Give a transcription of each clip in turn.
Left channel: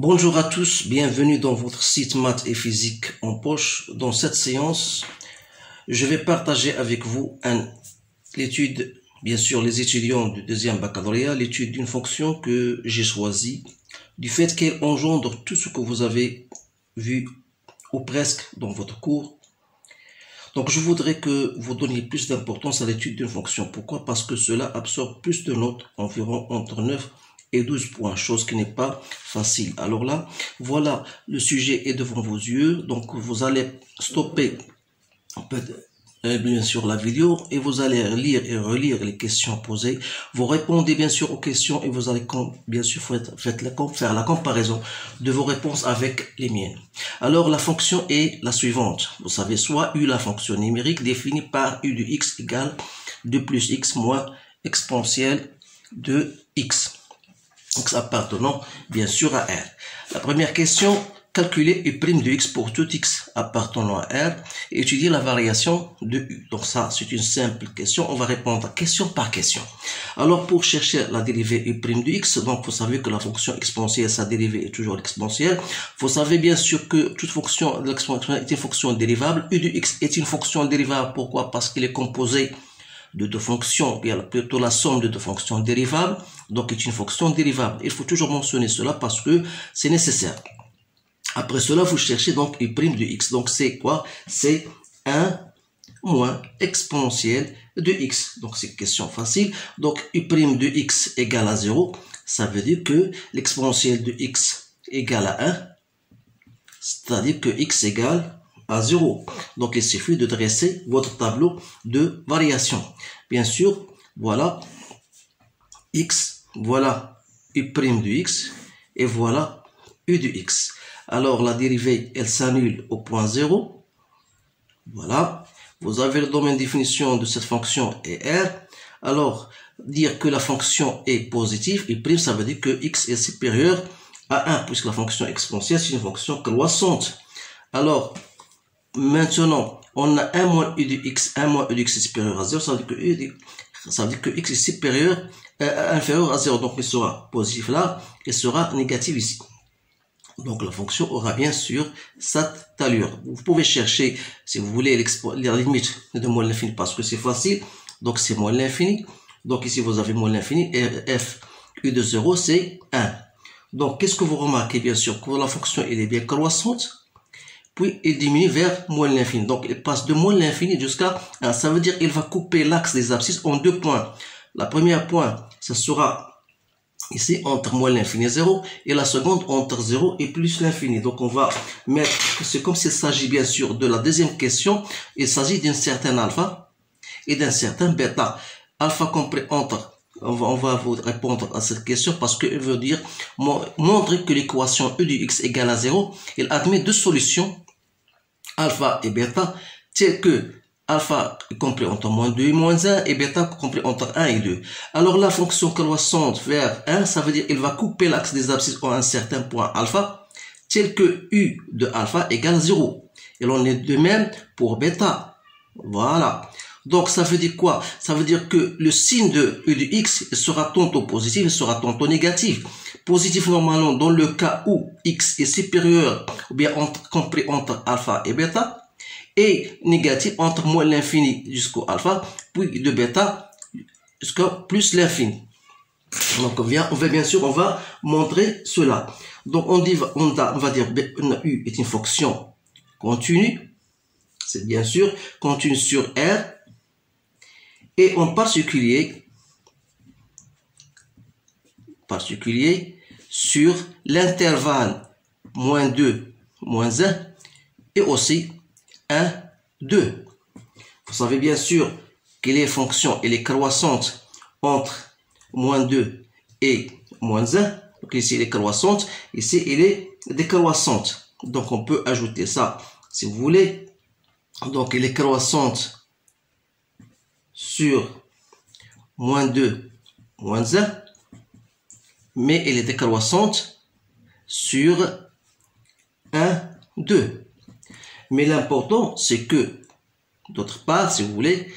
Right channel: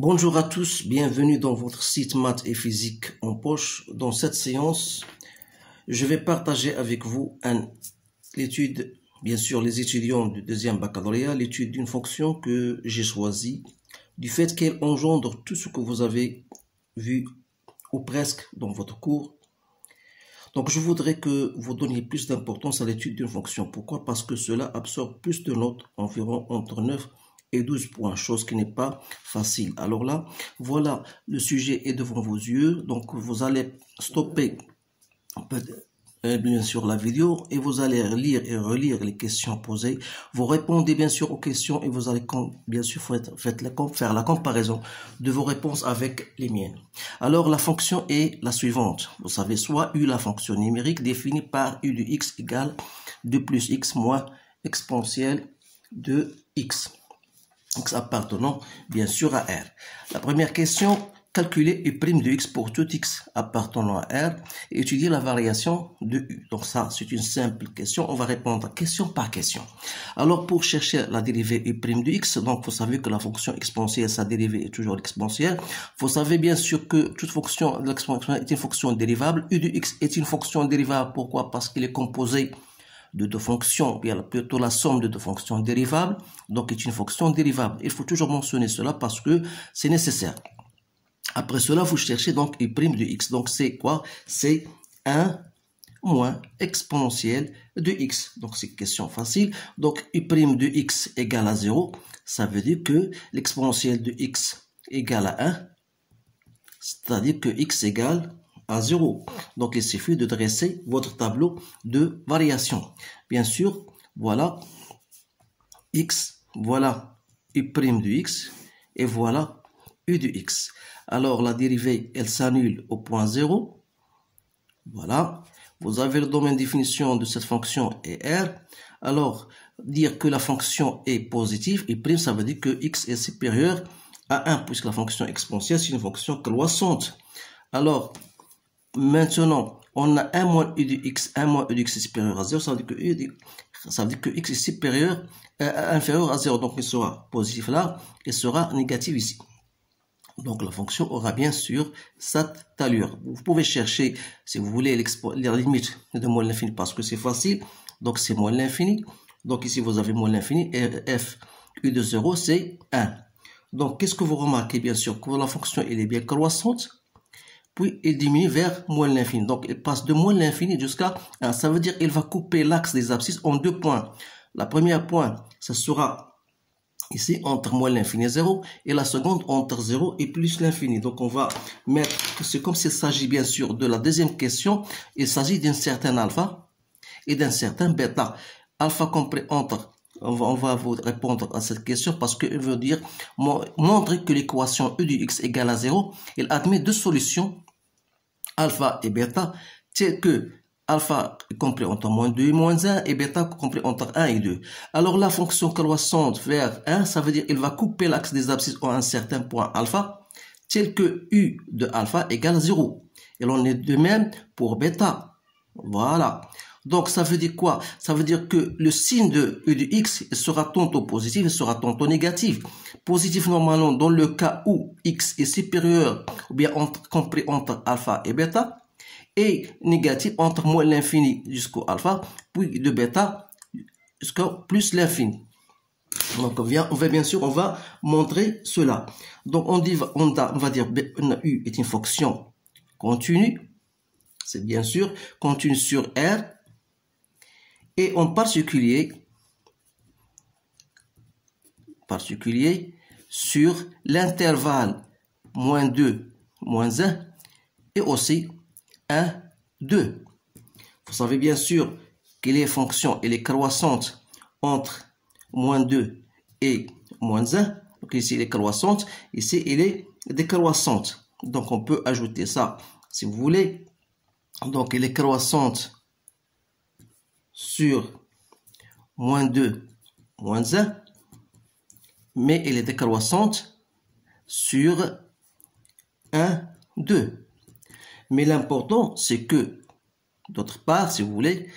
Bonjour à tous, bienvenue dans votre site Maths et Physique en poche. Dans cette séance, je vais partager avec vous l'étude, bien sûr les étudiants du deuxième baccalauréat, l'étude d'une fonction que j'ai choisie, du fait qu'elle engendre tout ce que vous avez vu ou presque dans votre cours. Donc je voudrais que vous donniez plus d'importance à l'étude d'une fonction. Pourquoi? Parce que cela absorbe plus de notes, environ entre 9 et 12 points, chose qui n'est pas facile. Alors là, voilà, le sujet est devant vos yeux, donc vous allez stopper bien sûr la vidéo et vous allez lire et relire les questions posées. Vous répondez bien sûr aux questions et vous allez bien sûr faire la comparaison de vos réponses avec les miennes. Alors la fonction est la suivante. Vous savez, soit U, la fonction numérique définie par U de x égale 2 plus x moins exponentielle de x. Donc appartenant bien sûr à R. La première question, calculer U' de x pour tout x appartenant à R et étudier la variation de U. Donc ça, c'est une simple question. On va répondre question par question. Alors pour chercher la dérivée U' de x, donc vous savez que la fonction exponentielle, sa dérivée est toujours l'exponentielle. Vous savez bien sûr que toute fonction exponentielle est une fonction dérivable. U de x est une fonction dérivable. Pourquoi? Parce qu'il est composé de deux fonctions, bien plutôt la somme de deux fonctions dérivables, donc est une fonction dérivable. Il faut toujours mentionner cela parce que c'est nécessaire. Après cela, vous cherchez donc U' de x. Donc c'est quoi? C'est 1 moins exponentielle de x. Donc c'est une question facile. Donc U' de x égale à 0. Ça veut dire que l'exponentielle de x égale à 1. C'est-à-dire que x égale à 0. Donc, il suffit de dresser votre tableau de variation. Bien sûr, voilà x, voilà U' de x, et voilà U de x. Alors, la dérivée, elle s'annule au point 0. Voilà. Vous avez le domaine de définition de cette fonction est R. Alors, dire que la fonction est positive, U', ça veut dire que x est supérieur à 1, puisque la fonction exponentielle, c'est une fonction croissante. Alors, maintenant, on a 1 moins U de x, 1 moins U de x est supérieur à 0, ça veut dire que x est supérieur, inférieur à 0, donc il sera positif là, et sera négatif ici. Donc la fonction aura bien sûr cette allure. Vous pouvez chercher, si vous voulez, la limite de moins l'infini, parce que c'est facile, donc c'est moins l'infini. Donc ici vous avez moins l'infini, et f U de 0 c'est 1. Donc qu'est-ce que vous remarquez? Bien sûr que la fonction elle est bien croissante, puis il diminue vers moins l'infini. Donc il passe de moins l'infini jusqu'à 1. Ça veut dire qu'il va couper l'axe des abscisses en deux points. La première point, ce sera ici entre moins l'infini et 0, et la seconde entre 0 et plus l'infini. Donc on va mettre que c'est comme s'il s'agit bien sûr de la deuxième question. Il s'agit d'un certain alpha et d'un certain bêta. Alpha compris entre, on va vous répondre à cette question parce qu'il veut dire montrer que l'équation U de x égale à 0, il admet deux solutions, alpha et bêta, telles que alpha est compris entre moins 2 et moins 1 et bêta compris entre 1 et 2. Alors la fonction croissante vers 1, ça veut dire qu'il va couper l'axe des abscisses à un certain point alpha, tel que U de alpha égale 0. Et l'on est de même pour bêta. Voilà. Donc ça veut dire quoi? Ça veut dire que le signe de U de x sera tantôt positif et sera tantôt négatif. Positif normalement dans le cas où x est supérieur ou bien compris entre alpha et bêta, et négatif entre moins l'infini jusqu'au alpha, puis de bêta jusqu'à plus l'infini. Donc on va bien sûr, on va montrer cela. Donc on va dire U est une fonction continue, c'est bien sûr continue sur R, et en particulier sur l'intervalle moins 2, moins 1 et aussi 1, 2. Vous savez bien sûr que les fonctions et les croissantes entre moins 2 et moins 1. Donc ici elle est croissante, ici elle est décroissante. Donc on peut ajouter ça si vous voulez. Donc elle est croissante sur moins 2, moins 1, mais elle est décroissante sur 1, 2. Mais l'important, c'est que, d'autre part, si vous voulez,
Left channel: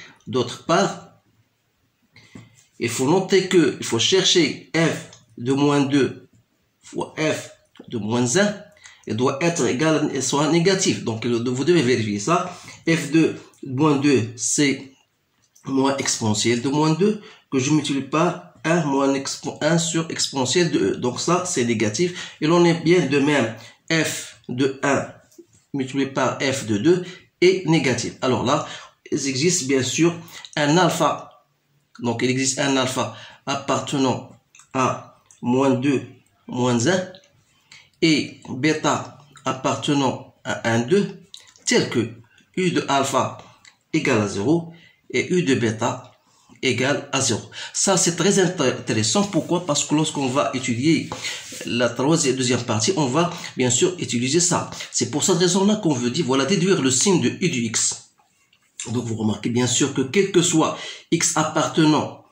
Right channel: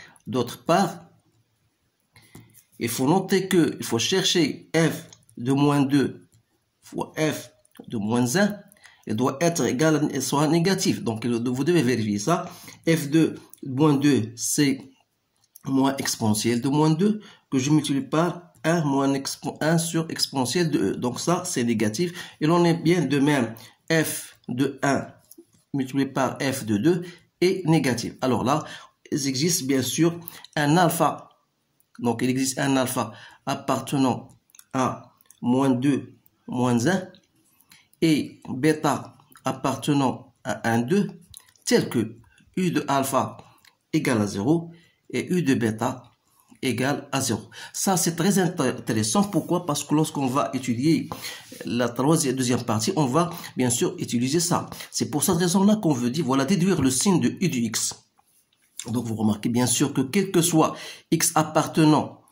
il faut noter que il faut chercher f de moins 2 fois f de moins 1 elle doit être égale, elle soit négative. Donc vous devez vérifier ça. f de moins 2, c'est moins exponentielle de moins 2 que je multiplie par 1 sur exponentielle de e. Donc ça, c'est négatif. Et l'on est bien de même. F de 1 multiplié par f de 2 est négatif. Alors là, il existe bien sûr un alpha. Donc il existe un alpha appartenant à moins 2, moins 1 et bêta appartenant à 1, 2 tel que u de alpha égale à 0 et u de bêta égale à 0. Ça, c'est très intéressant. Pourquoi? Parce que lorsqu'on va étudier la deuxième partie, on va bien sûr utiliser ça. C'est pour cette raison-là qu'on veut dire, voilà, déduire le signe de u du x. Donc, vous remarquez bien sûr que quel que soit x appartenant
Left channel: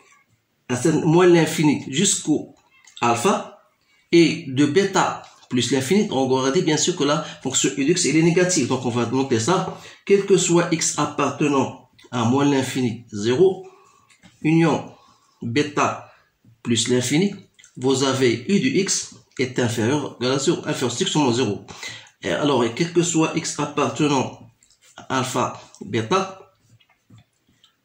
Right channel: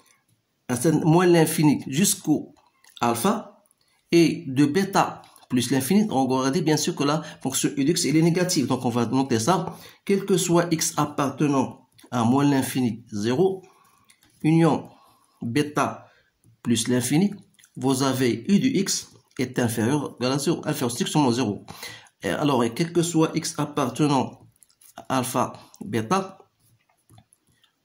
à moins l'infini jusqu'au alpha et de bêta plus l'infini, on aura dit bien sûr que la fonction u de x elle est négative. Donc, on va noter ça. Quel que soit x appartenant à moins l'infini 0, union bêta plus l'infini, vous avez u de x est inférieur à 0, inférieur strictement 0. Et alors, quel que soit x appartenant à alpha bêta,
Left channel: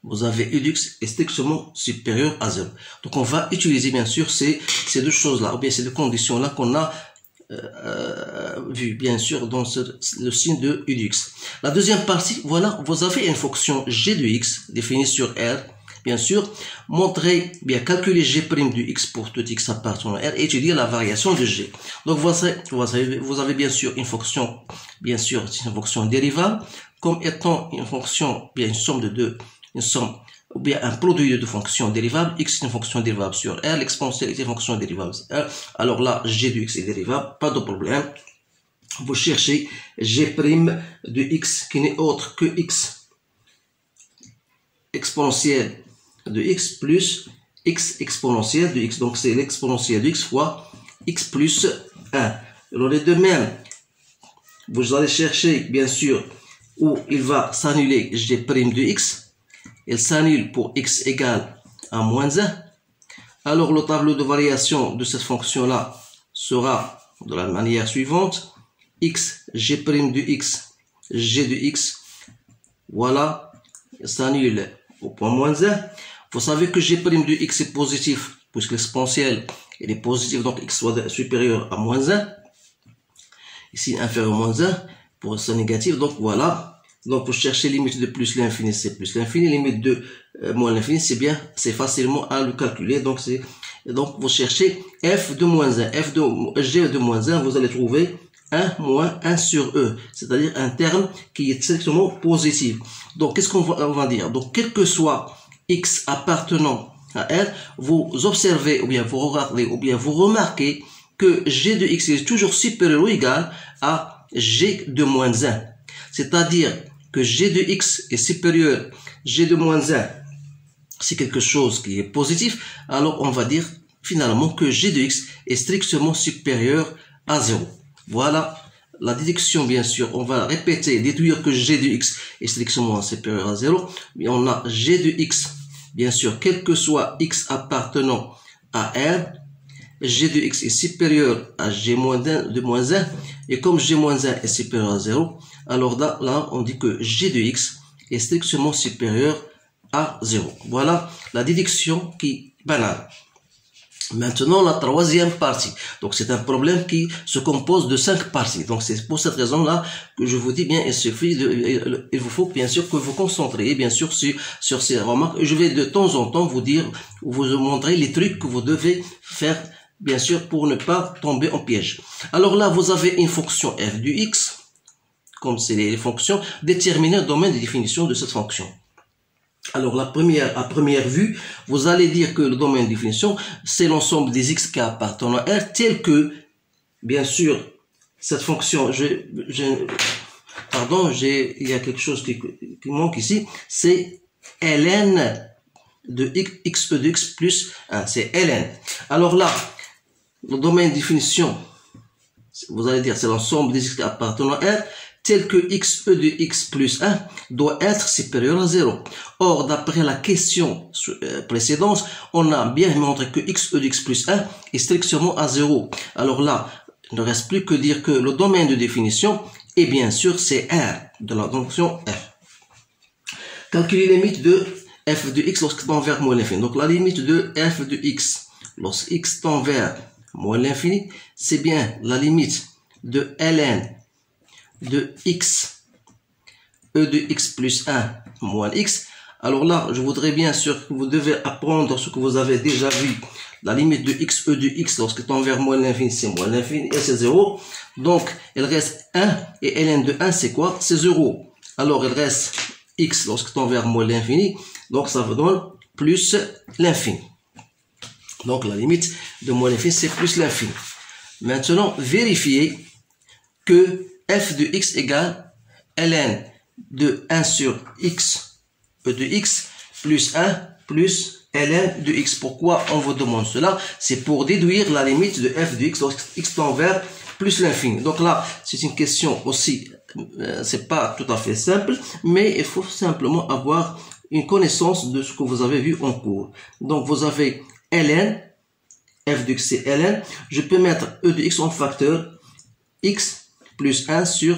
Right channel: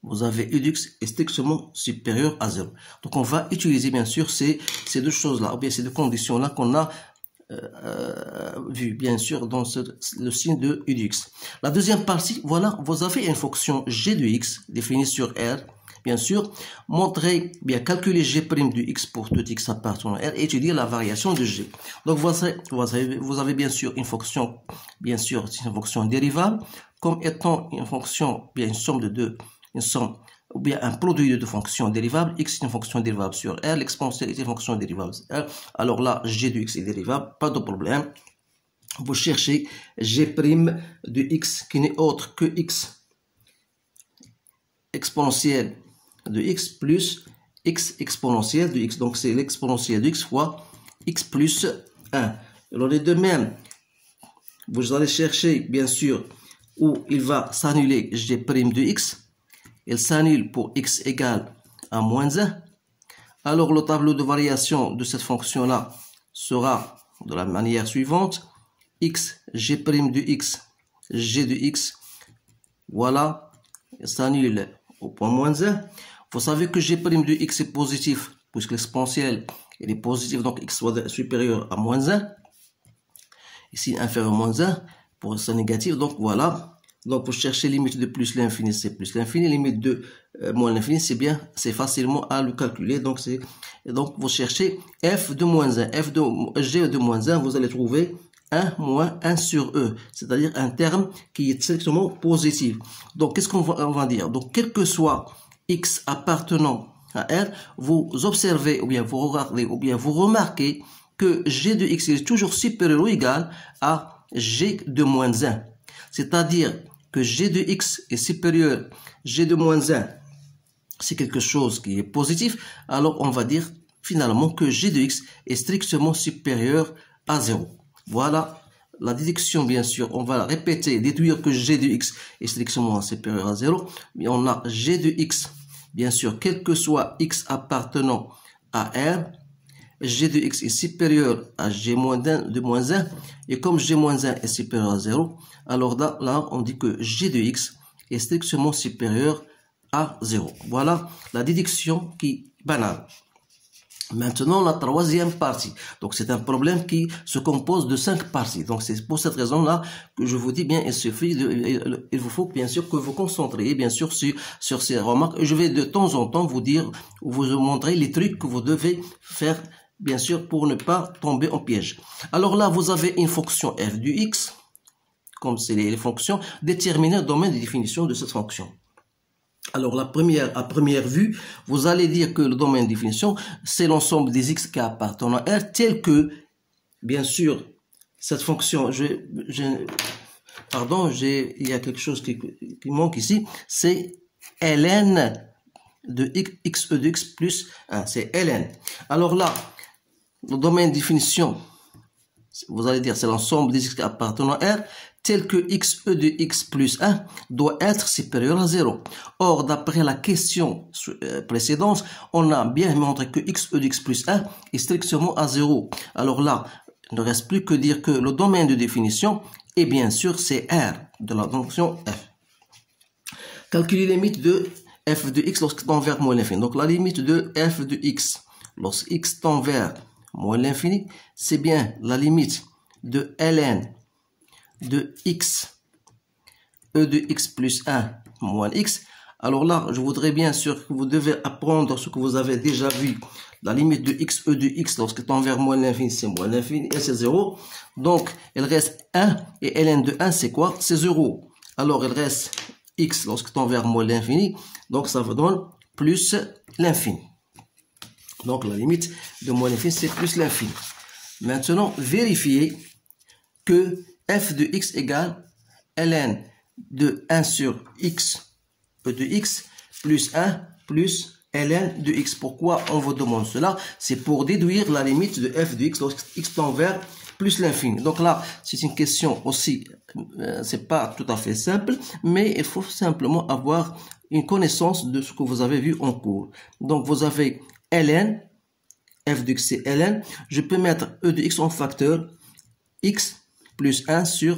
vous avez u de x est strictement supérieur à 0. Donc, on va utiliser bien sûr ces deux choses-là, ou bien ces deux conditions-là qu'on a vu bien sûr dans le signe de u de x. La deuxième partie, voilà, vous avez une fonction g de x définie sur R. Bien sûr, montrer, bien calculer g' du x pour tout x appartenant à R et étudier la variation de g. Donc vous avez bien sûr une fonction, bien sûr c'est une fonction dérivable, comme étant une fonction, bien une somme de deux, une somme ou bien un produit de deux fonctions dérivables. X est une fonction dérivable sur R, l'exponentielle est une fonction dérivable sur R. Alors là, g de x est dérivable, pas de problème. Vous cherchez g' de x qui n'est autre que x exponentielle de x plus x exponentielle de x. Donc c'est l'exponentielle de x fois x plus 1. Alors les deux mêmes, vous allez chercher bien sûr où il va s'annuler g' de x. Il s'annule pour x égale à moins 1. Alors le tableau de variation de cette fonction-là sera de la manière suivante. X, g' de x, g de x, voilà, il s'annule au point moins 1. Vous savez que g' de x est positif, puisque l'exponentielle est positive, donc x soit supérieur à moins 1. Ici, inférieur à moins 1, pour ça négatif, donc voilà. Donc pour chercher limite de plus l'infini, c'est plus l'infini, limite de moins l'infini, c'est bien, c'est facilement à le calculer. Donc vous cherchez f de moins 1, f de g de moins 1, vous allez trouver 1 moins 1 sur e, c'est-à-dire un terme qui est strictement positif. Donc qu'est-ce qu'on va dire? Donc quel que soit x appartenant à R, vous observez ou bien vous regardez ou bien vous remarquez que g de x est toujours supérieur ou égal à g de moins 1. C'est-à-dire que g de x est supérieur, g de moins 1, c'est quelque chose qui est positif, alors on va dire finalement que g de x est strictement supérieur à 0. Voilà la déduction, bien sûr, on va répéter, déduire que g de x est strictement supérieur à 0, mais on a g de x, bien sûr, quel que soit x appartenant à R, g de x est supérieur à g de moins 1, et comme g moins 1 est supérieur à 0, alors là, on dit que g de x est strictement supérieur à 0. Voilà la déduction qui est banale. Maintenant, la troisième partie. Donc, c'est un problème qui se compose de 5 parties. Donc, c'est pour cette raison-là que je vous dis bien, il vous faut bien sûr que vous concentriez bien sûr sur ces remarques. Je vais de temps en temps vous dire, vous montrer les trucs que vous devez faire bien sûr pour ne pas tomber en piège. Alors là, vous avez une fonction f du x, comme c'est les fonctions, déterminer le domaine de définition de cette fonction. Alors à première vue, vous allez dire que le domaine de définition, c'est l'ensemble des x qui appartiennent à R, tel que, bien sûr, cette fonction, il y a quelque chose qui manque ici, c'est ln de x de x plus 1, c'est ln. Alors là, le domaine de définition, vous allez dire c'est l'ensemble des x qui appartiennent à R, tel que xe de x plus 1 doit être supérieur à 0. Or, d'après la question précédente, on a bien montré que xe de x plus 1 est strictement à 0. Alors là, il ne reste plus que dire que le domaine de définition est bien sûr c'est R de la fonction f. Calculer les limites de f de x lorsque tend vers moins l'infini. Donc la limite de f de x lorsque x tend vers moins l'infini, c'est bien la limite de ln de x, e de x plus 1 moins x. Alors là, je voudrais bien sûr que vous devez apprendre ce que vous avez déjà vu. La limite de x, e de x lorsque tend vers moins l'infini, c'est moins l'infini et c'est 0. Donc, il reste 1 et ln de 1, c'est quoi? C'est 0. Alors, il reste x lorsque tend vers moins l'infini. Donc, ça vous donne plus l'infini. Donc, la limite de moins l'infini, c'est plus l'infini. Maintenant, vérifiez que f de x égale ln de 1 sur x, e de x, plus 1 plus ln de x. Pourquoi on vous demande cela? C'est pour déduire la limite de f de x lorsque x tend vers plus l'infini. Donc là, c'est une question aussi, c'est pas tout à fait simple, mais il faut simplement avoir une connaissance de ce que vous avez vu en cours. Donc vous avez ln, f de x c'est ln, je peux mettre e de x en facteur x plus 1 sur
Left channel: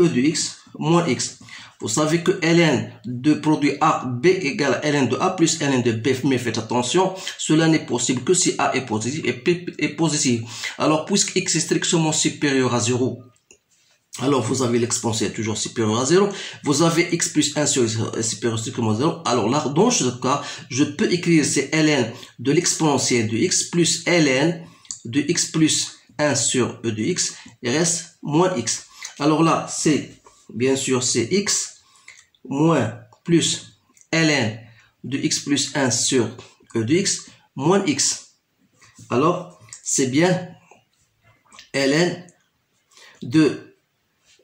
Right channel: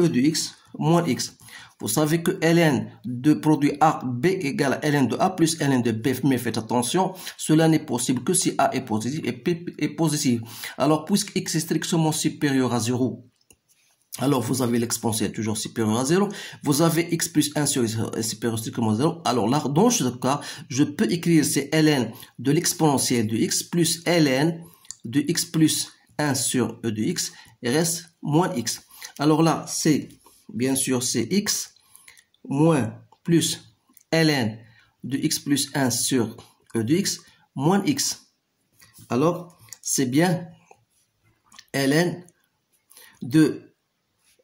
e de x moins x. Vous savez que ln de produit A, B égale ln de A plus ln de B, mais faites attention, cela n'est possible que si A est positif et B est positif. Alors, puisque x est strictement supérieur à 0, alors vous avez l'exponentielle toujours supérieur à 0, vous avez x plus 1 sur x supérieur strictement à 0, alors là, dans ce cas, je peux écrire c'est ln de l'exponentielle de x plus ln de x plus 1 sur e de x, et reste moins x. Alors là, c'est bien sûr c'est x moins plus ln de x plus 1 sur e de x moins x. Alors c'est bien ln de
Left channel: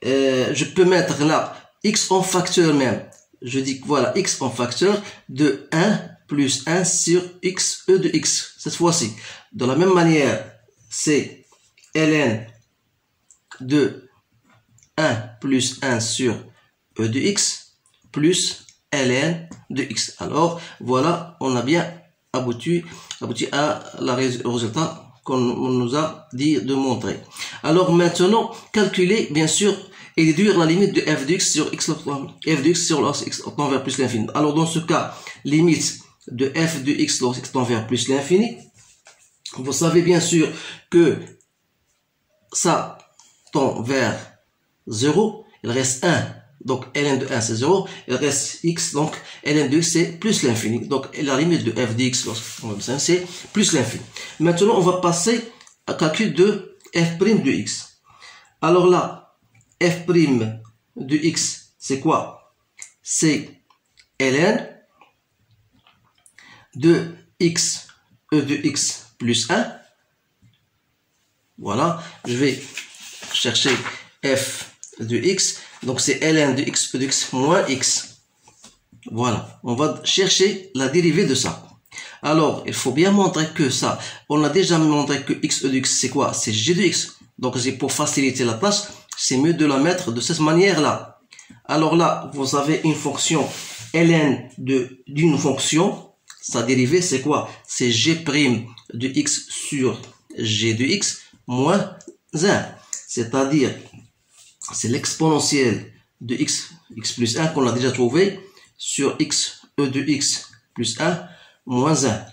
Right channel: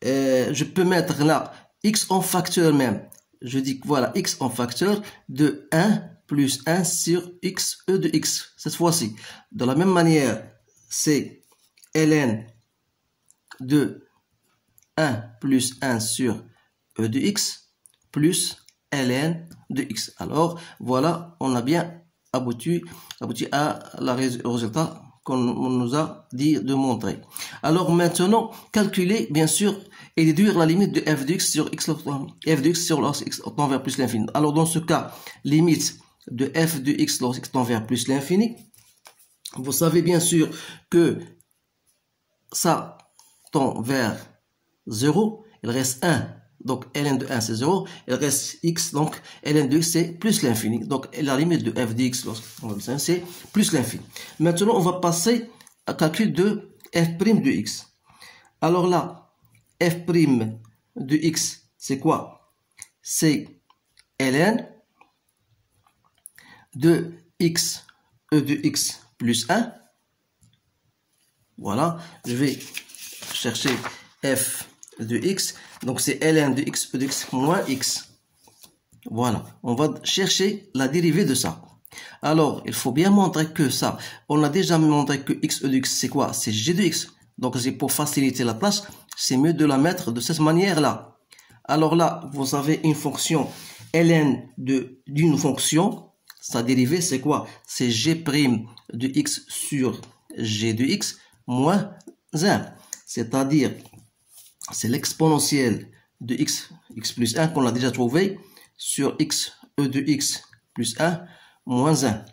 je peux mettre là x en facteur même. Je dis que voilà x en facteur de 1 plus 1 sur x e de x. Cette fois-ci, de la même manière, c'est ln de 1 plus 1 sur e de x plus ln de x. Alors, voilà, on a bien abouti à le résultat qu'on nous a dit de montrer. Alors maintenant, calculer, bien sûr, et déduire la limite de f de x sur x, f de x sur lorsque x tend vers plus l'infini. Alors, dans ce cas, limite de f de x lorsque x tend vers plus l'infini, vous savez bien sûr que ça tend vers 0, il reste 1, donc ln de 1 c'est 0, il reste x, donc ln de x c'est plus l'infini, donc la limite de f de x c'est plus l'infini. Maintenant on va passer à calcul de f' de x. Alors là, f' de x c'est quoi? C'est ln de x, e de x plus 1. Voilà, je vais chercher f de x, donc c'est ln de x, e de x moins x. Voilà, on va chercher la dérivée de ça. Alors, il faut bien montrer que ça, on a déjà montré que x, e de x, c'est quoi? C'est g de x. Donc, c'est pour faciliter la tâche, c'est mieux de la mettre de cette manière-là. Alors là, vous avez une fonction ln d'une fonction, sa dérivée, c'est quoi? C'est g' de x sur g de x moins 1. C'est-à-dire, c'est l'exponentielle de x plus 1 qu'on a déjà trouvé sur x, e de x plus 1 moins 1.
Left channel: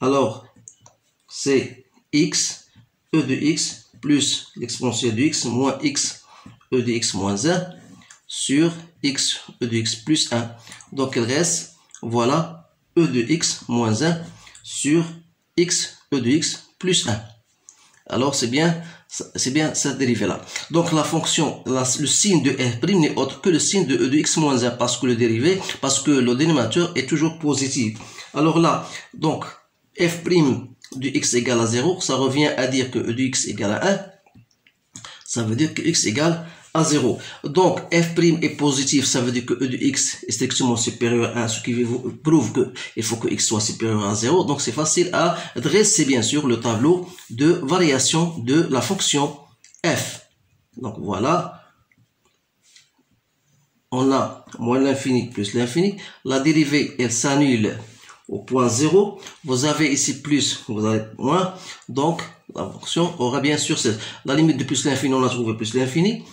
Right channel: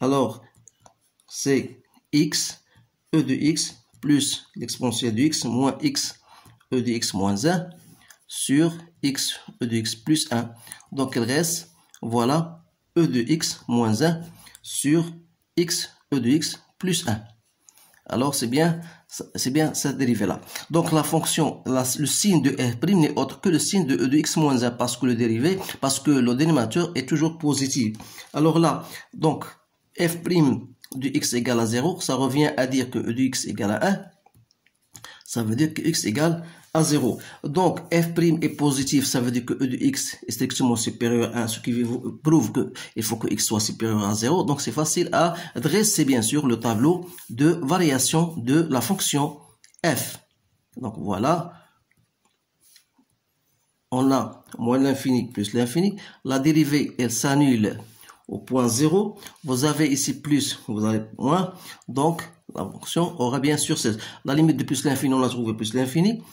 Alors, c'est x, e de x plus l'exponentielle de x moins x, e de x moins 1 sur x, e de x plus 1. Donc, il reste, voilà, e de x moins 1 sur x, e de x plus 1. Alors, c'est bien cette dérivée-là. Donc, la fonction, le signe de f' n'est autre que le signe de e de x moins 1 parce que le dénominateur est toujours positif. Alors là, donc, f' de x égale à 0, ça revient à dire que e de x égale à 1. Ça veut dire que x égale à 0. Donc, f' est positif, ça veut dire que e de x est strictement supérieur à 1, ce qui prouve qu'il faut que x soit supérieur à 0. Donc, c'est facile à dresser, bien sûr, le tableau de variation de la fonction f. Donc, voilà. On a moins l'infini plus l'infini. La dérivée, elle s'annule au point 0, vous avez ici plus, vous avez moins, donc la fonction aura bien sûr la limite de plus l'infini, on a trouvé plus l'infini,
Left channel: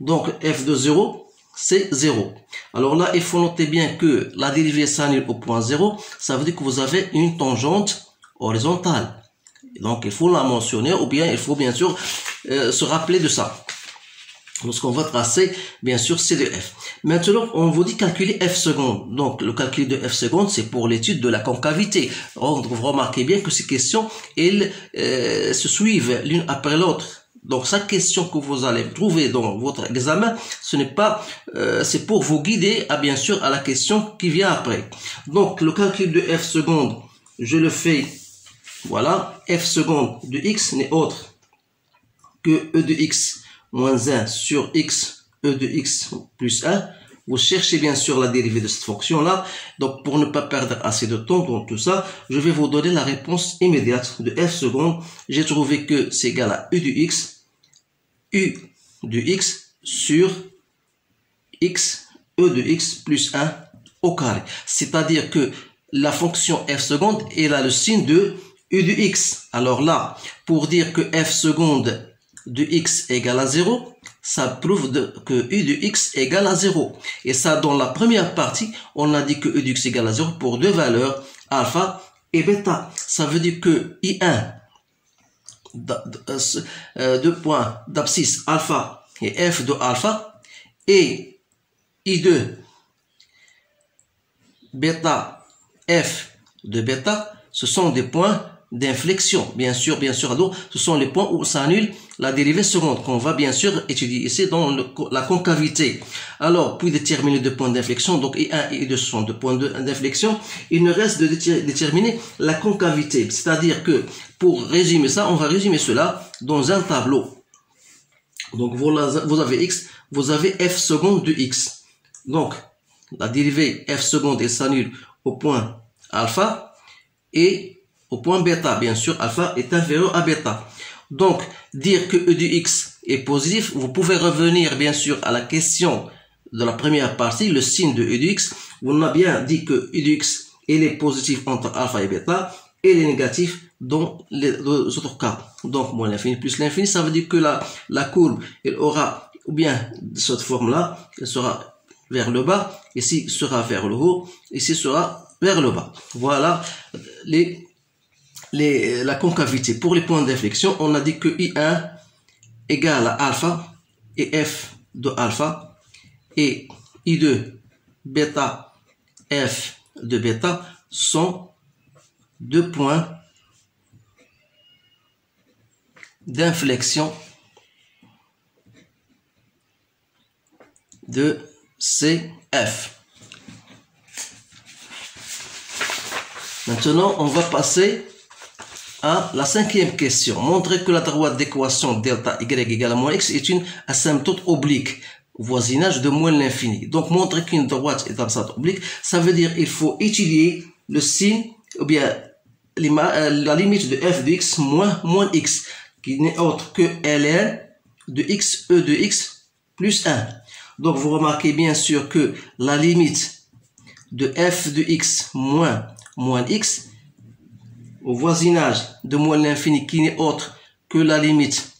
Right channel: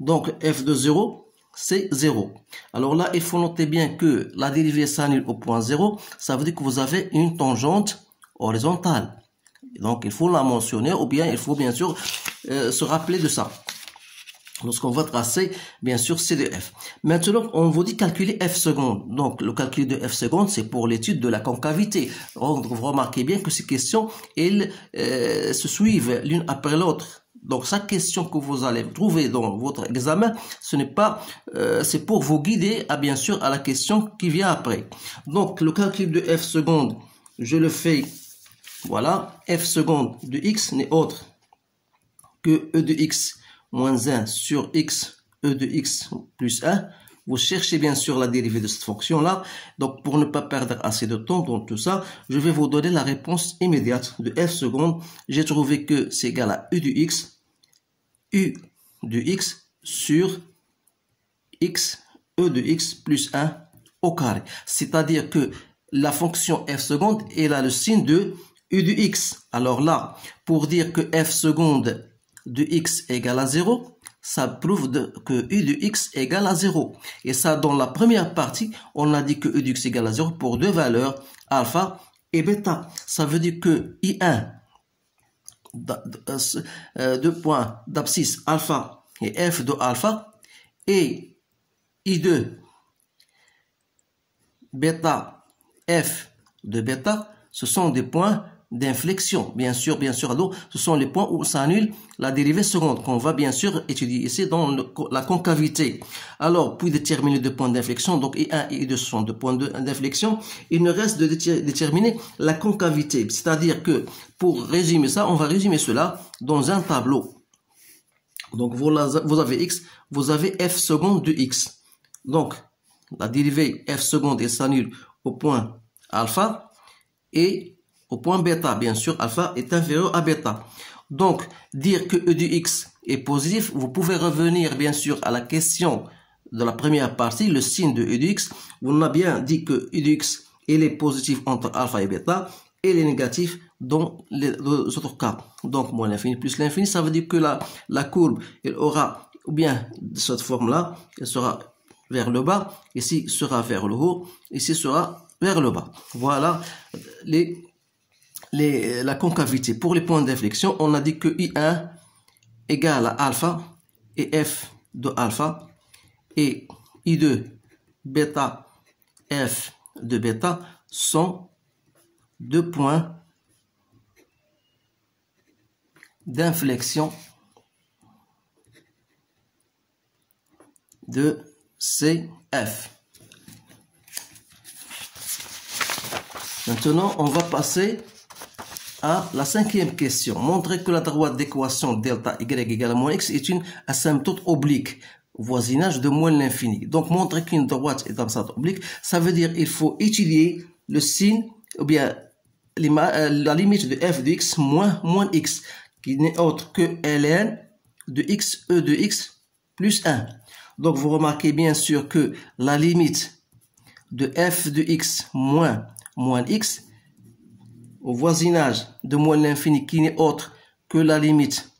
donc f de 0, c'est 0. Alors là, il faut noter bien que la dérivée s'annule au point 0, ça veut dire que vous avez une tangente horizontale. Donc il faut la mentionner, ou bien il faut bien sûr se rappeler de ça. Lorsqu'on va tracer, bien sûr, c'est de f. Maintenant, on vous dit calculer f seconde. Donc, le calcul de f seconde, c'est pour l'étude de la concavité. Donc, vous remarquez bien que ces questions, elles se suivent l'une après l'autre. Donc, chaque question que vous allez trouver dans votre examen, ce n'est pas, c'est pour vous guider, bien sûr, à la question qui vient après. Donc, le calcul de f seconde, je le fais, voilà, f seconde de x n'est autre que e de x moins 1 sur x, e de x plus 1. Vous cherchez bien sûr la dérivée de cette fonction-là. Donc, pour ne pas perdre assez de temps dans tout ça, je vais vous donner la réponse immédiate de f seconde. J'ai trouvé que c'est égal à u de x sur x, e de x plus 1 au carré. C'est-à-dire que la fonction f seconde, elle a le signe de u de x. Alors là, pour dire que f seconde de x égale à 0, ça prouve que u de x égale à 0. Et ça, dans la première partie, on a dit que u de x égale à 0 pour deux valeurs, alpha et bêta. Ça veut dire que I1, deux points d'abscisse alpha et f de alpha, et I2, bêta, f de bêta, ce sont des points d'inflexion. Bien sûr, alors, ce sont les points où s'annule la dérivée seconde qu'on va bien sûr étudier ici dans la concavité. Alors, puis déterminer deux points d'inflexion, donc I1 et I2 sont deux points d'inflexion. Il ne reste de déterminer la concavité, c'est-à-dire que pour résumer ça, on va résumer cela dans un tableau. Donc, vous avez x, vous avez f seconde de x. Donc, la dérivée f seconde s'annule au point alpha et au point bêta. Bien sûr, alpha est inférieur à bêta. Donc, dire que e de x est positif, vous pouvez revenir bien sûr à la question de la première partie, le signe de e de x. On a bien dit que e de x il est positif entre alpha et bêta, et il est négatif dans les deux autres cas. Donc, moins l'infini plus l'infini, ça veut dire que la courbe, elle aura, ou bien de cette forme-là, elle sera vers le bas, ici sera vers le haut, ici sera vers le bas. Voilà la concavité. Pour les points d'inflexion, on a dit que I1 égale à alpha et f de alpha et I2 bêta f de bêta sont deux points d'inflexion de CF. Maintenant, on va passer à la cinquième question. Montrer que la droite d'équation delta y égale à moins x est une asymptote oblique, voisinage de moins l'infini. Donc, montrer qu'une droite est asymptote oblique, ça veut dire qu'il faut étudier le signe, ou bien la limite de f de x moins x, qui n'est autre que ln de x, e de x plus 1. Donc, vous remarquez bien sûr que la limite de f de x moins x au voisinage de moins l'infini qui n'est autre que la limite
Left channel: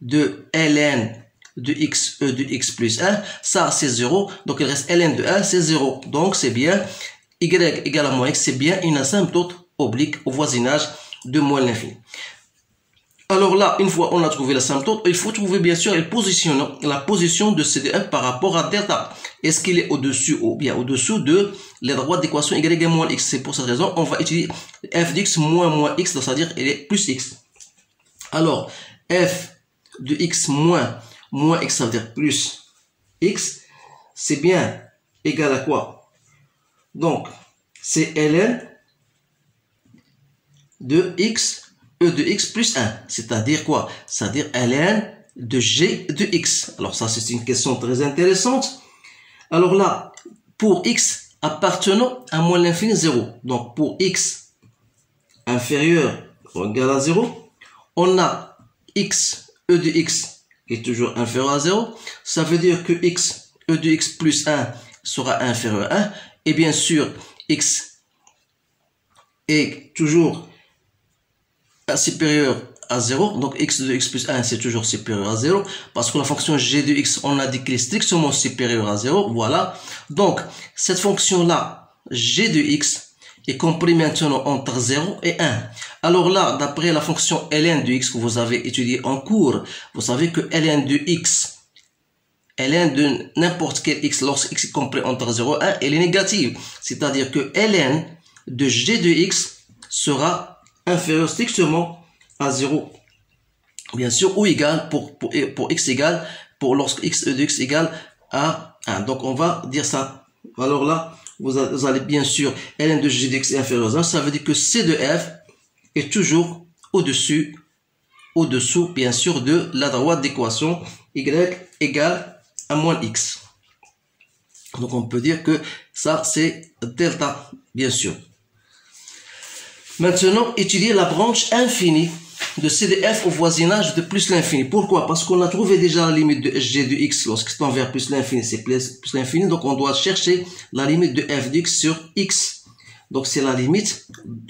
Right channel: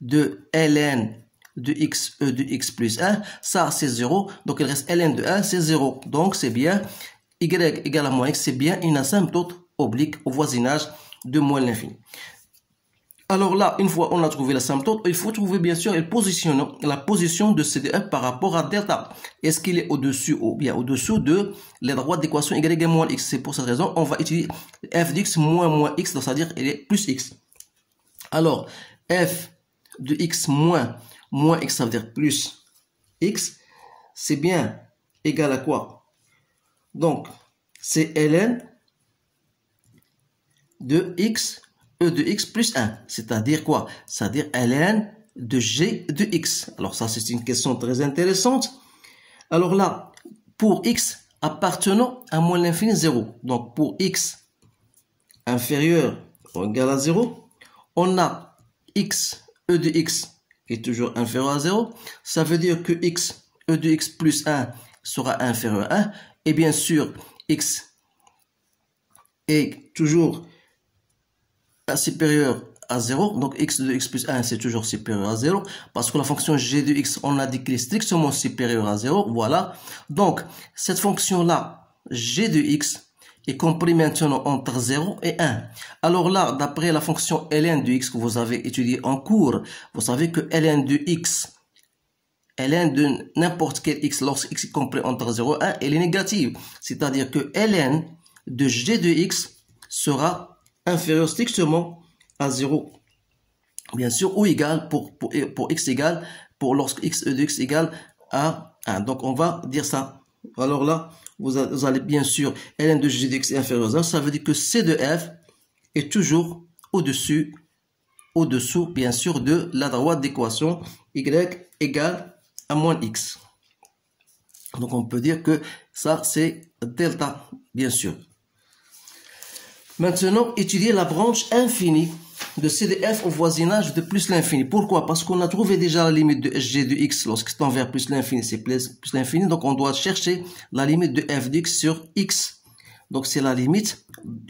de ln de x, e de x plus 1, ça c'est 0, donc il reste ln de 1, c'est 0, donc c'est bien y égale à moins x, c'est bien une asymptote oblique au voisinage de moins l'infini. Alors là, une fois on a trouvé l'asymptote, il faut trouver bien sûr la position de CD1 par rapport à delta. Est-ce qu'il est au-dessus ou bien au-dessous de la droite d'équation y égale moins x? C'est pour cette raison on va utiliser f d'x moins x, c'est-à-dire il est plus x. Alors, f de x moins x, ça veut dire plus x, c'est bien égal à quoi? Donc, c'est ln de x, e de x plus 1, c'est-à-dire quoi? C'est-à-dire ln de g de x. Alors ça, c'est une question très intéressante. Alors là, pour x appartenant à moins l'infini 0, donc pour x inférieur ou égal à 0, on a x, e de x qui est toujours inférieur à 0. Ça veut dire que x, e de x plus 1 sera inférieur à 1. Et bien sûr, x est toujours supérieur à 0, donc x de x plus 1 c'est toujours supérieur à 0, parce que la fonction g de x, on a dit qu'elle est strictement supérieure à 0, voilà. Donc cette fonction là, g de x, est compris maintenant entre 0 et 1. Alors là, d'après la fonction ln de x que vous avez étudiée en cours, vous savez que ln de x, ln de n'importe quel x, lorsque x est compris entre 0 et 1, elle est négative. C'est-à-dire que ln de g de x sera inférieur strictement à 0, bien sûr, ou égal pour x égale, pour lorsque x de x égale à 1. Donc on va dire ça. Alors là, vous allez bien sûr, ln de g de x est inférieur à 1, ça veut dire que c de f est toujours au-dessous, bien sûr, de la droite d'équation y égale à moins x. Donc on peut dire que ça c'est delta, bien sûr. Maintenant, étudier la branche infinie de c de f au voisinage de plus l'infini. Pourquoi? Parce qu'on a trouvé déjà la limite de g de x lorsque c'est envers plus l'infini, c'est plus l'infini. Donc on doit chercher la limite de f de x sur x. Donc c'est la limite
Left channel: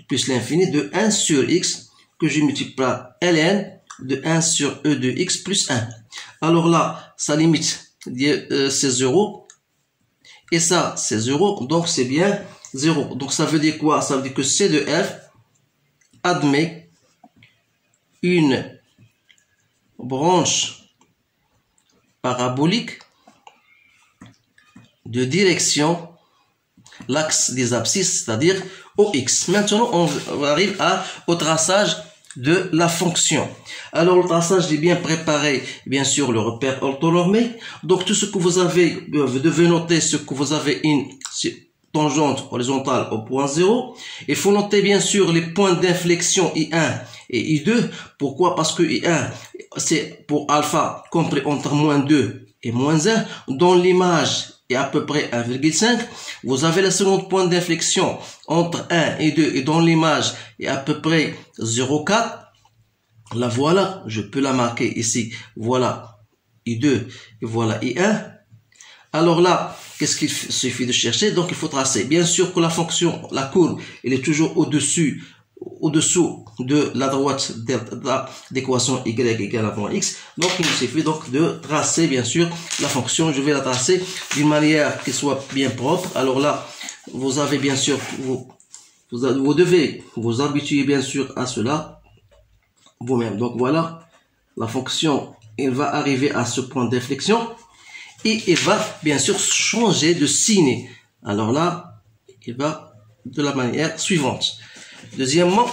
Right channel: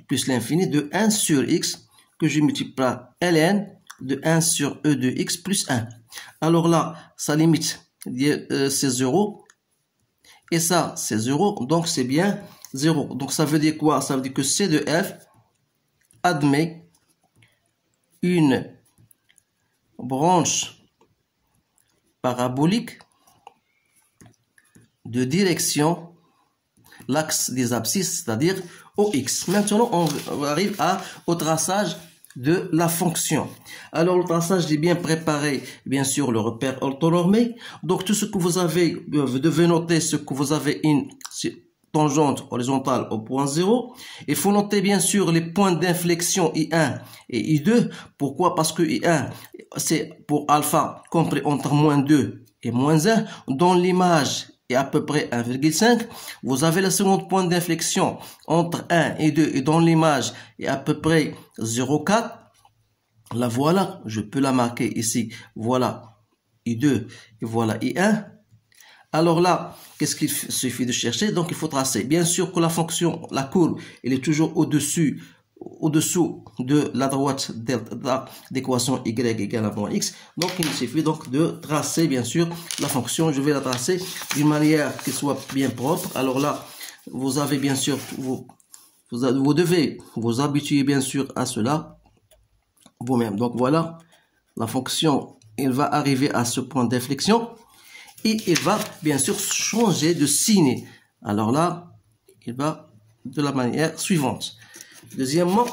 plus l'infini de 1 sur x que je multiplie par ln de 1 sur e de x plus 1. Alors là, sa limite c'est 0 et ça c'est 0, donc c'est bien 0. Donc ça veut dire quoi? Ça veut dire que c de f admet une branche parabolique de direction l'axe des abscisses, c'est-à-dire OX. Maintenant, on arrive au traçage de la fonction. Alors, le traçage est bien préparé, bien sûr, le repère orthonormé. Donc, tout ce que vous avez, vous devez noter ce que vous avez une tangente horizontale au point 0. Il faut noter, bien sûr, les points d'inflexion I1 et I2. Pourquoi? Parce que I1, c'est pour alpha compris entre moins 2 et moins 1. Dans l'image, est à peu près 1,5. Vous avez le second point d'inflexion entre 1 et 2 et dans l'image est à peu près 0,4. La voilà, je peux la marquer ici. Voilà I2 et voilà I1. Alors là, qu'est-ce qu'il suffit de chercher? Donc il faut tracer. Bien sûr que la fonction, la courbe, elle est toujours au-dessous de la droite d'équation y égale à moins x. Donc il suffit donc de tracer bien sûr la fonction. Je vais la tracer d'une manière qui soit bien propre. Alors là, vous avez bien sûr, vous devez vous habituer bien sûr à cela vous-même. Donc voilà, la fonction, elle va arriver à ce point d'inflexion et elle va bien sûr changer de signe. Alors là, il va de la manière suivante. Deuxièmement,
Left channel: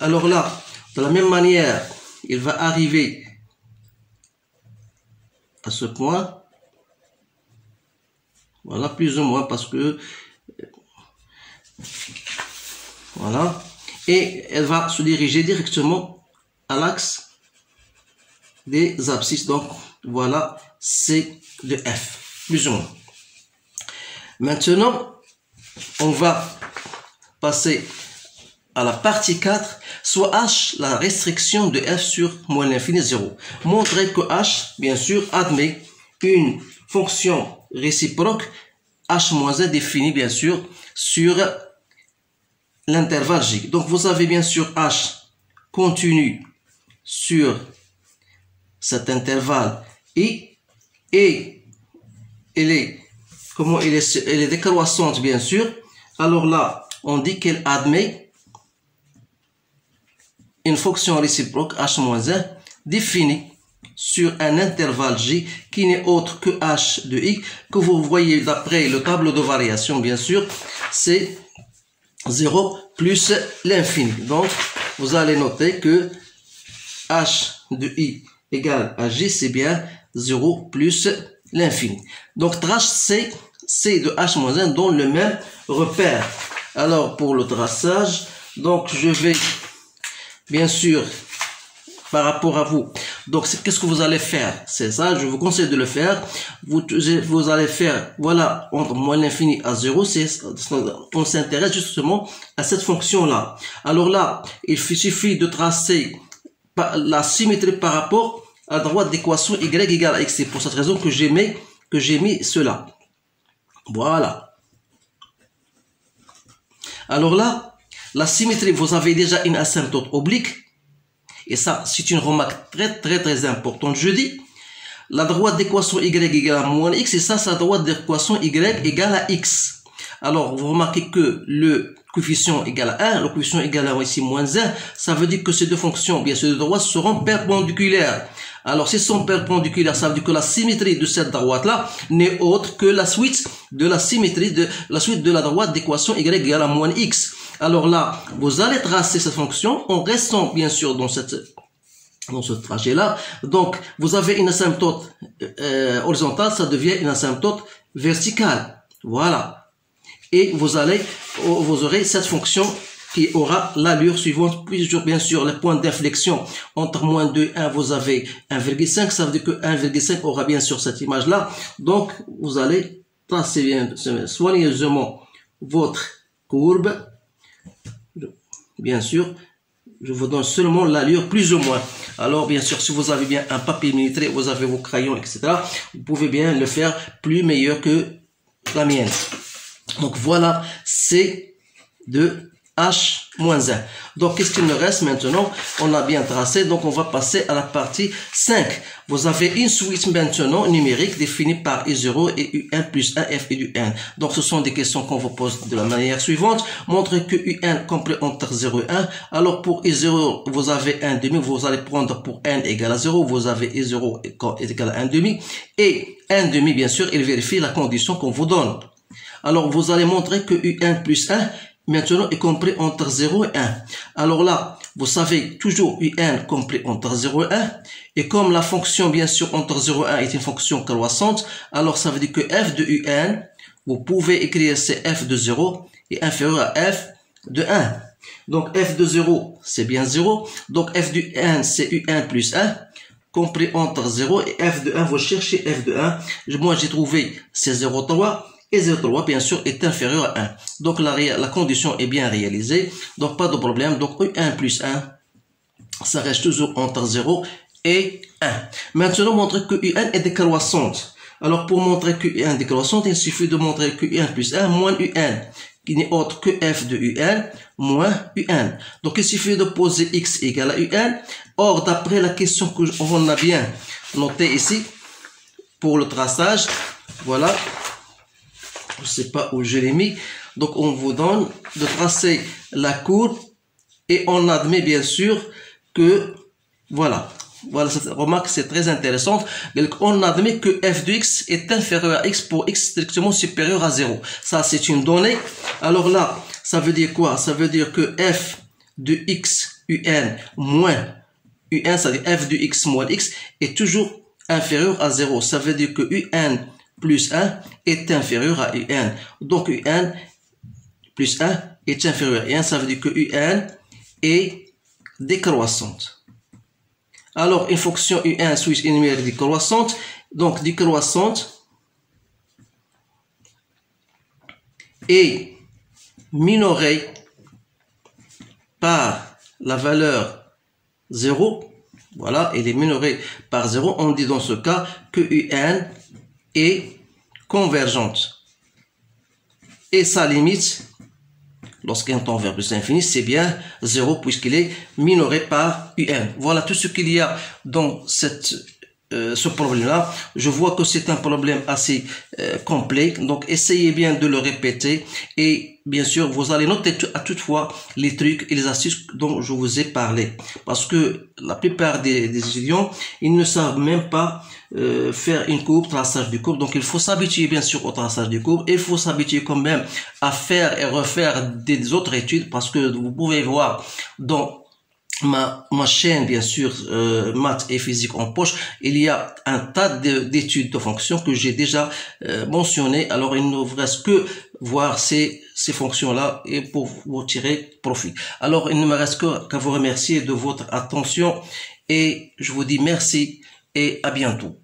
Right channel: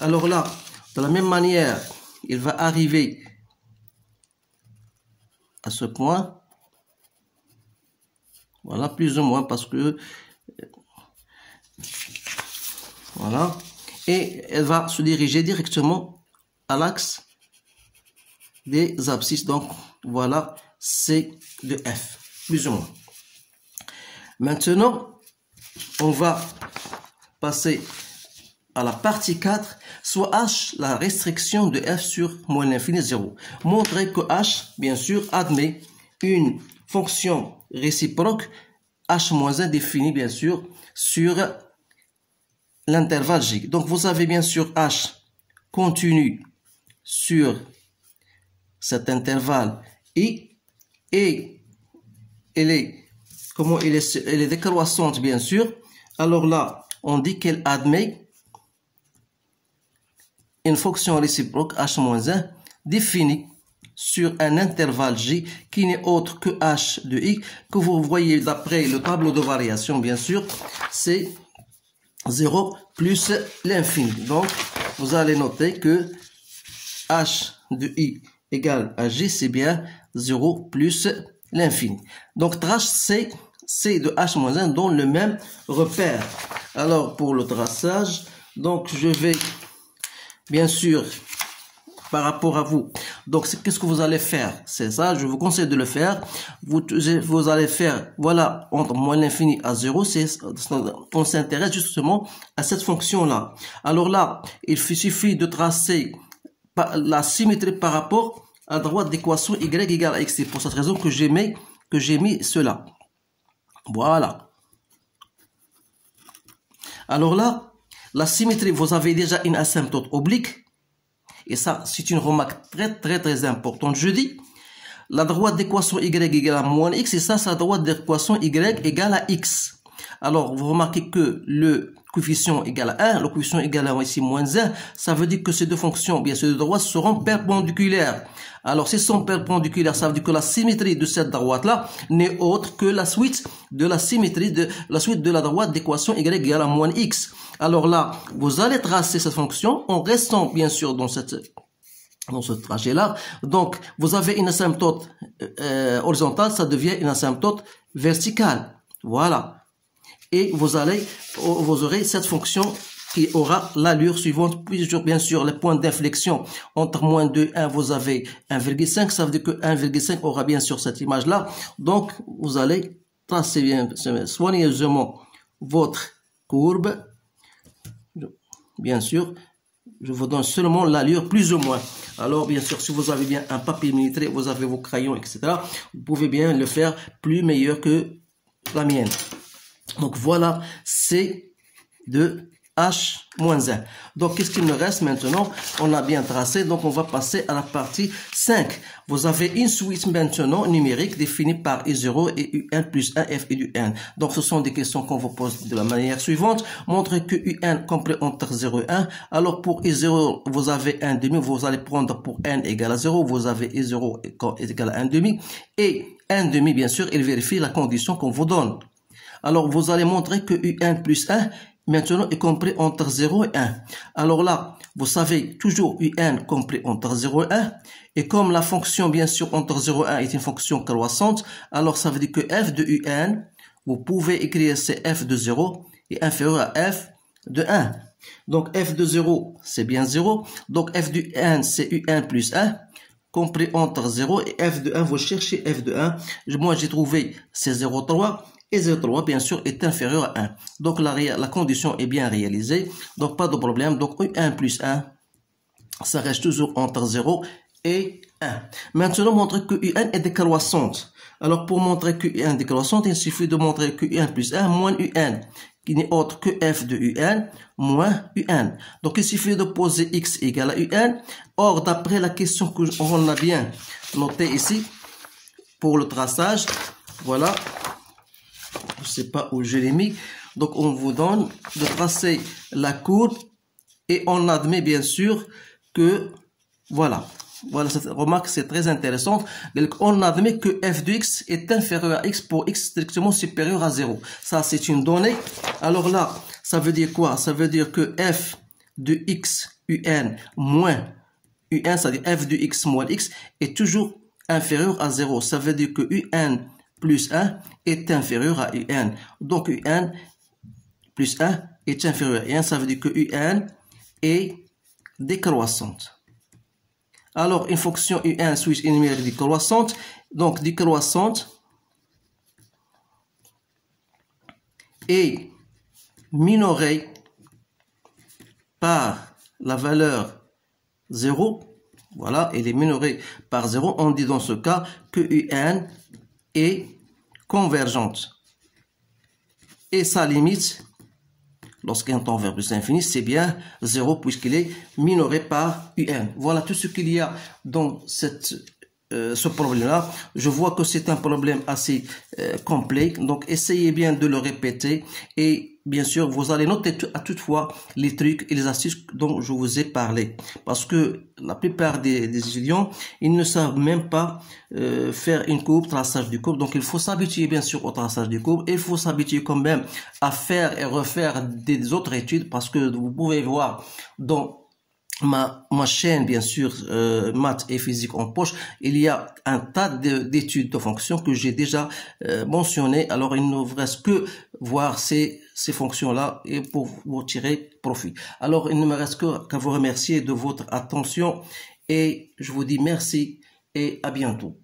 alors là, de la même manière, il va arriver à ce point. Voilà, plus ou moins, parce que... Voilà. Et elle va se diriger directement à l'axe des abscisses. Donc, voilà, C de F, plus ou moins. Maintenant, on va passer à la partie 4, soit H, la restriction de f sur moins l'infini 0. Montrer que H, bien sûr, admet une fonction réciproque H-1 définie, bien sûr, sur l'intervalle J. Donc, vous avez bien sûr H continu sur cet intervalle I, et elle est décroissante, bien sûr. Alors là, on dit qu'elle admet une fonction réciproque H-1 définie sur un intervalle J qui n'est autre que H de I, que vous voyez d'après le tableau de variation, bien sûr, c'est 0 plus l'infini. Donc, vous allez noter que H de I égale à J, c'est bien 0 plus l'infini. Donc, trace C de H-1 dans le même repère. Alors, pour le traçage, donc je vais... Bien sûr, par rapport à vous. Donc, qu'est-ce que vous allez faire? C'est ça, je vous conseille de le faire. Vous allez faire, voilà, entre moins l'infini à 0, on s'intéresse justement à cette fonction-là. Alors là, il suffit de tracer la symétrie par rapport à la droite d'équation y égale à x. C'est pour cette raison que j'ai mis cela. Voilà. Alors là, La symétrie, vous avez déjà une asymptote oblique. Et ça, c'est une remarque très importante. Je dis, la droite d'équation y égale à moins x, et ça, c'est la droite d'équation y égale à x. Alors, vous remarquez que le coefficient égale à 1, le coefficient égale à ici moins 1, ça veut dire que ces deux fonctions, bien sûr, de droite, seront perpendiculaires. Alors, si elles sont perpendiculaires, ça veut dire que la symétrie de cette droite-là n'est autre que la suite de la symétrie de la droite d'équation y égale à moins x. Alors là, vous allez tracer cette fonction en restant, bien sûr, dans ce trajet-là. Donc, vous avez une asymptote horizontale, ça devient une asymptote verticale. Voilà. Et vous aurez cette fonction qui aura l'allure suivante, puis bien sûr le point d'inflexion entre moins 2 et 1, vous avez 1,5, ça veut dire que 1,5 aura bien sûr cette image-là. Donc, vous allez tracer bien soigneusement votre courbe. Bien sûr, je vous donne seulement l'allure plus ou moins. Alors, bien sûr, si vous avez bien un papier militaire, vous avez vos crayons, etc., vous pouvez bien le faire plus meilleur que la mienne. Donc, voilà, c'est de H-1. Donc, qu'est-ce qu'il me reste maintenant? On a bien tracé, donc on va passer à la partie 5. Vous avez une suite maintenant numérique définie par I0 et UN plus 1 f et du n. Donc, ce sont des questions qu'on vous pose de la manière suivante. Montrez que UN complet entre 0 et 1. Alors, pour I0, vous avez 1 demi, vous allez prendre pour n égale à 0. Vous avez I0 est égal à 1 demi. Et 1 demi, bien sûr, il vérifie la condition qu'on vous donne. Alors, vous allez montrer que UN plus 1 maintenant est compris entre 0 et 1. Alors là, vous savez toujours UN compris entre 0 et 1. Et comme la fonction, bien sûr, entre 0 et 1 est une fonction croissante, alors ça veut dire que f de UN, vous pouvez écrire c'est f de 0 est inférieur à f de 1. Donc f de 0, c'est bien 0. Donc f de n, c'est UN plus 1. Compris entre 0 et f de 1, vous cherchez f de 1. Moi, j'ai trouvé c'est 0,3. Et 0,3, bien sûr, est inférieur à 1. Donc, la condition est bien réalisée. Donc, pas de problème. Donc, UN plus 1, ça reste toujours entre 0 et 1. Maintenant, montrer que UN est décroissante. Alors, pour montrer que UN est décroissante, il suffit de montrer que UN plus 1 moins UN, qui n'est autre que f de UN moins UN. Donc, il suffit de poser x égale à UN. Or, d'après la question qu'on a bien notée ici, pour le traçage, voilà. Je ne sais pas où je l'ai mis. Donc, on vous donne de tracer la courbe et on admet bien sûr que, voilà, cette remarque, c'est très intéressante. Donc, on admet que f de x est inférieur à x pour x strictement supérieur à 0. Ça, c'est une donnée. Alors là, ça veut dire quoi? Ça veut dire que f de x un moins un, c'est-à-dire f de x moins x, est toujours inférieur à 0. Ça veut dire que un plus 1 est inférieur à UN. Donc, UN plus 1 est inférieur à 1. Ça veut dire que UN est décroissante. Alors, une fonction UN suisse est numérique décroissante. Donc, décroissante est minorée par la valeur 0. Voilà, elle est minorée par 0. On dit dans ce cas que UN est convergente. Et sa limite, lorsqu'un tend vers plus l'infini, c'est bien 0 puisqu'il est minoré par UN. Voilà tout ce qu'il y a dans ce problème-là. Je vois que c'est un problème assez complet. Donc, essayez bien de le répéter. Et bien sûr, vous allez noter à toutefois les trucs et les astuces dont je vous ai parlé. Parce que la plupart des étudiants, ils ne savent même pas faire une courbe, traçage de courbe. Donc, il faut s'habituer bien sûr au traçage de courbe. Il faut s'habituer quand même à faire et refaire des autres études. Parce que vous pouvez voir dans ma chaîne, bien sûr, maths et physique en poche, il y a un tas d'études de fonctions que j'ai déjà mentionnées. Alors, il ne vous reste que voir ces fonctions-là et pour vous tirer profit. Alors, il ne me reste qu'à vous remercier de votre attention et je vous dis merci et à bientôt.